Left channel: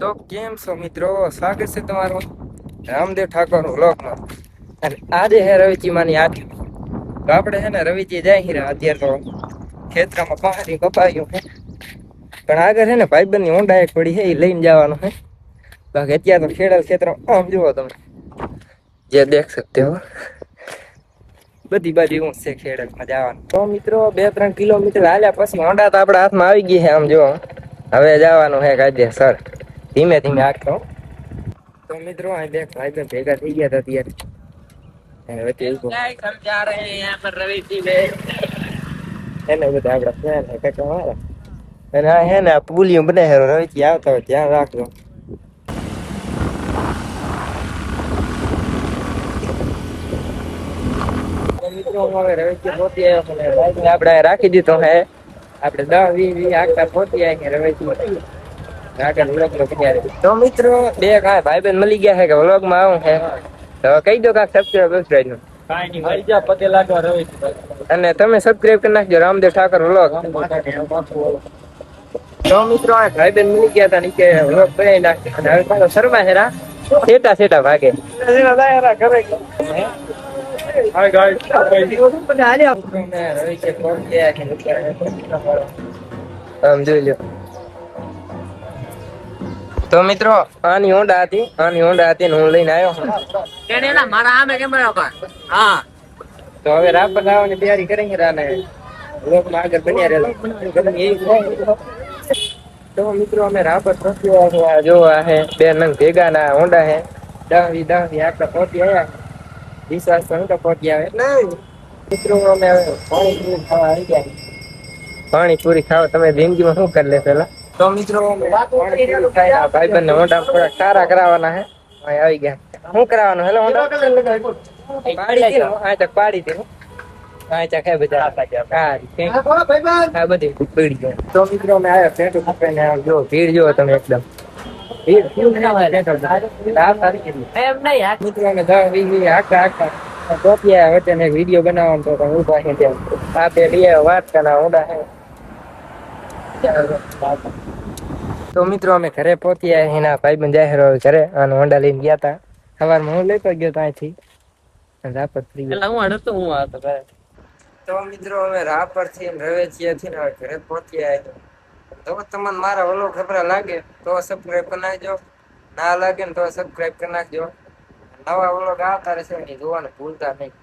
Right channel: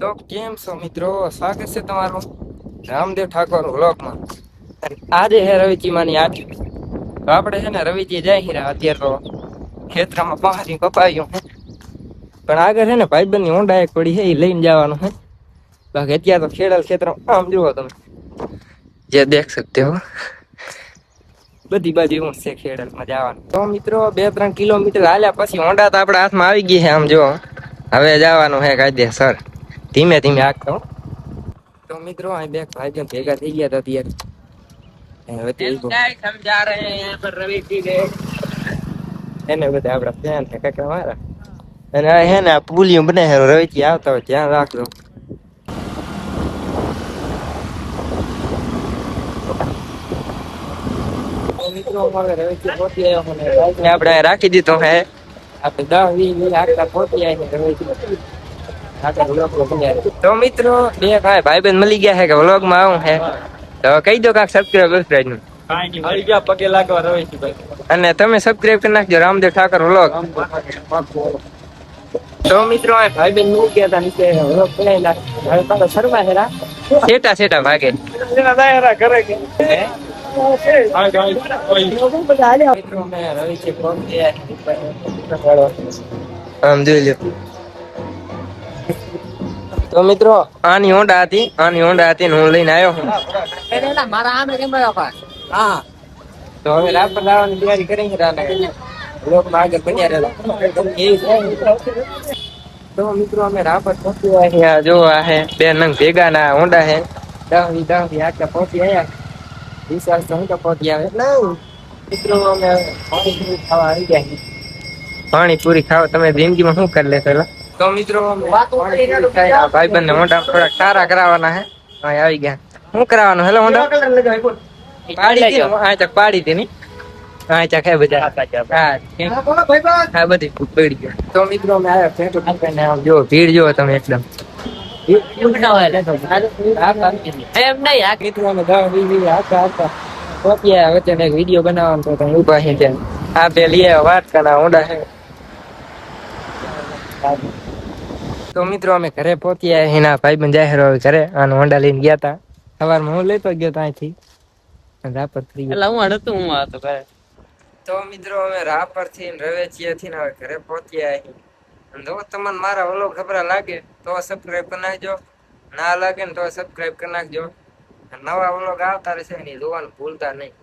તો કેમ છો મિત્રો? સ્વાગત છે તમારું રામદેવ ઠાકોર વ્લોગમાં. અને આજે હે રવિચી માની આઠ. તો આપણે છે ને રવિચી જાય હીરા અત્યારે તો ખેતરમાં પાણી કપાયું પણ આગળ છે ને ભાઈબંધ ની ઊંડા એક પડી છે એ લઈને જવાનું છે. બાકી અત્યારે તો ખેડલ ક્ષેત્ર આમ જુઓ તમે જે દેખ સકતે હો બધી બાજુ એવું છે ખેડલમાં જવાનું. તો મિત્રો 2-3 કિલોમીટર હાલ્યા પછી ઊંડા તો આપણા હાથમાં આવી ગઈ છે આમ જો. હવે જવાનું હે કાયદેસર ધીમે ધીમે આગતો. તો મિત્રો અહીં બે ભાઈ ભેગા થઈ ગયા હતા ત્યારે સમજા રહે હે યહાં પર રવિજી બે એને બધા આપડા ફેન હે કાકા મારા. અને હે ને પુલિયું બને હે રવિજી આવતા હોય ધ્યાન રાખજો. મિત્રો હવે રવિજી પહોંચી આવ્યો મને બાઈક ને આપણે રાખી દીધો હે. આપણે 10-20 આગળ પહોંચી આવ્યા રવિજી. તો મિત્રો બે ભાઈબંધ મળી ગયા છે કે વ્લોગ માં આવું હે તો કહી દો કાક સબસ્ક્રાઇબ નું પગે લાગવા અને તમે સબસ્ક્રાઇબ કરી નાખજો રામદેવ ઠાકોર વ્લોગ. તો મિત્રો આ ભાઈબંધ મળી ગયા હતા નીચે વ્લોગ બનાવી નાખ્યો અને હવે પાછો સરવા હેરા સેટા ભાગે. આમ જોઈ લ્યો. તો મિત્રો આની હોન્ડા હતી ને હું લઈને આવ્યો મારા આમે કેમ હા. તો હવે રાપર લાવવાની તૈયારી કરી રાને બ્લોકમાં આગળ બન્યા રહેલા. તો મિત્રો અમે રાપર પહોંચી અહીંયા જો આ હે બે નંગ ભેગા ના હોન્ડા હે 10-20 આટલા પહોંચી આવ્યા. વિશ્વાસ તો હું તો પહોંચી આવે એટલે મિત્રો અમે પાણીપુરી ખાવા આવી ગયા. પાણીપુરી ખાવા તમે જિંદગીમાં શું કરી લે પેલા? તો મિત્રો ભાઈબંધ ને મોઢા થોડાક સારા કરાવવાના હે આવી ગયા. શું કરાવવાનું? હેલો મોઢા પાડી હતી ને આ તક પાડી હતી ની આ ચા ખાય બધા હા બધી પડી ગયા. તો મિત્રો અમે આવ્યા સેટો પકડીને આમ જો ભીડ જો તમે એકદમ મિત્રો અમે 10-20 આખા પહોંચ્યા વચ્ચે એક વિડીયો બનાવવાનો તો તમે ઉભા છે ત્યાં આ બે લઈ આવ્યા વાત કરા ઊંડા છે. તો મિત્રો અમે ઘરે પહોંચ્યા એના ભાઈબંધ જાહેર ઘરે આનો હોન્ડા લઈને ગયા હતા. સવારમાં હું લેતો ગયો તો અહીંથી રાપર થઈ ગયો. તો મિત્રો હવે રાપર થી રવેચિયા થી હવે ઘરે પહોંચ્યા. જો તમને મારા વ્લોગ ખબર લાગે તો સબસ્ક્રાઇબ કરી નાખજો, ના લાગે ને તો સબસ્ક્રાઇબ કરી નાખજો. નવા વ્લોગ આવતા રહેશે ને જોવાનું ભૂલતા નહીં.